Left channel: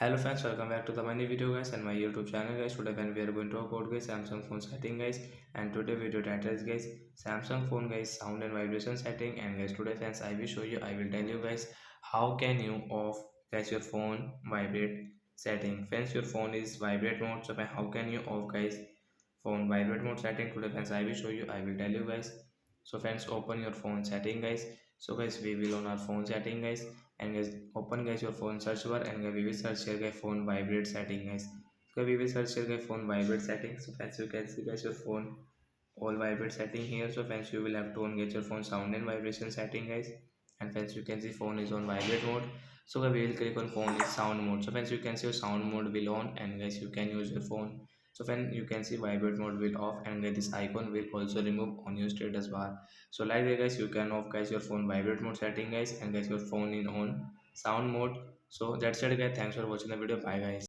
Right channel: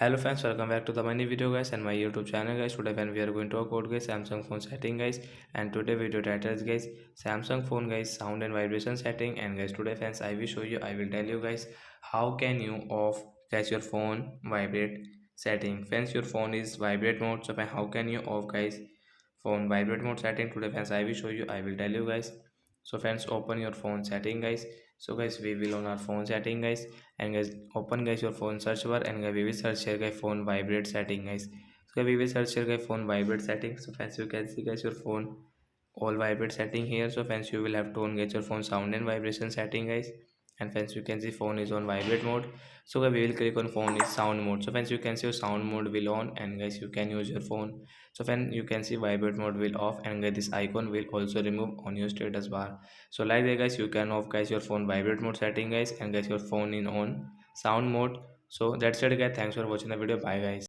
Hello friends, welcome back to the many video guys and my YouTube channel guys. Today when we are going to talk about guys Samsung phone setting guys, and today video title is guys Samsung phone guys sound and vibration setting. And guys today friends I will tell you guys how can you off guys your phone vibrate setting. Friends, your phone is vibrate mode, so how can you off guys phone vibrate mode setting? Today friends I will tell you guys. So friends, open your phone setting guys. So guys we will on our phone setting guys, and guys open guys your phone search bar, and guys we will search here guys phone vibrate setting guys. So we will search here guys phone vibrate setting. So friends, you can see guys your phone all vibrate setting here. So friends, you will have to on get your phone sound and vibration setting guys. And friends, you can see phone is on vibrate mode. So guys, we will click on phone is sound mode. So friends, you can see your sound mode will on, and guys you can use your phone. So friends, you can see vibrate mode will off, and guys this icon will also remove on your status bar. So like that guys, you can off guys your phone vibrate mode setting guys, and guys your phone in on sound mode. So that's it guys, thanks for watching the video, bye guys.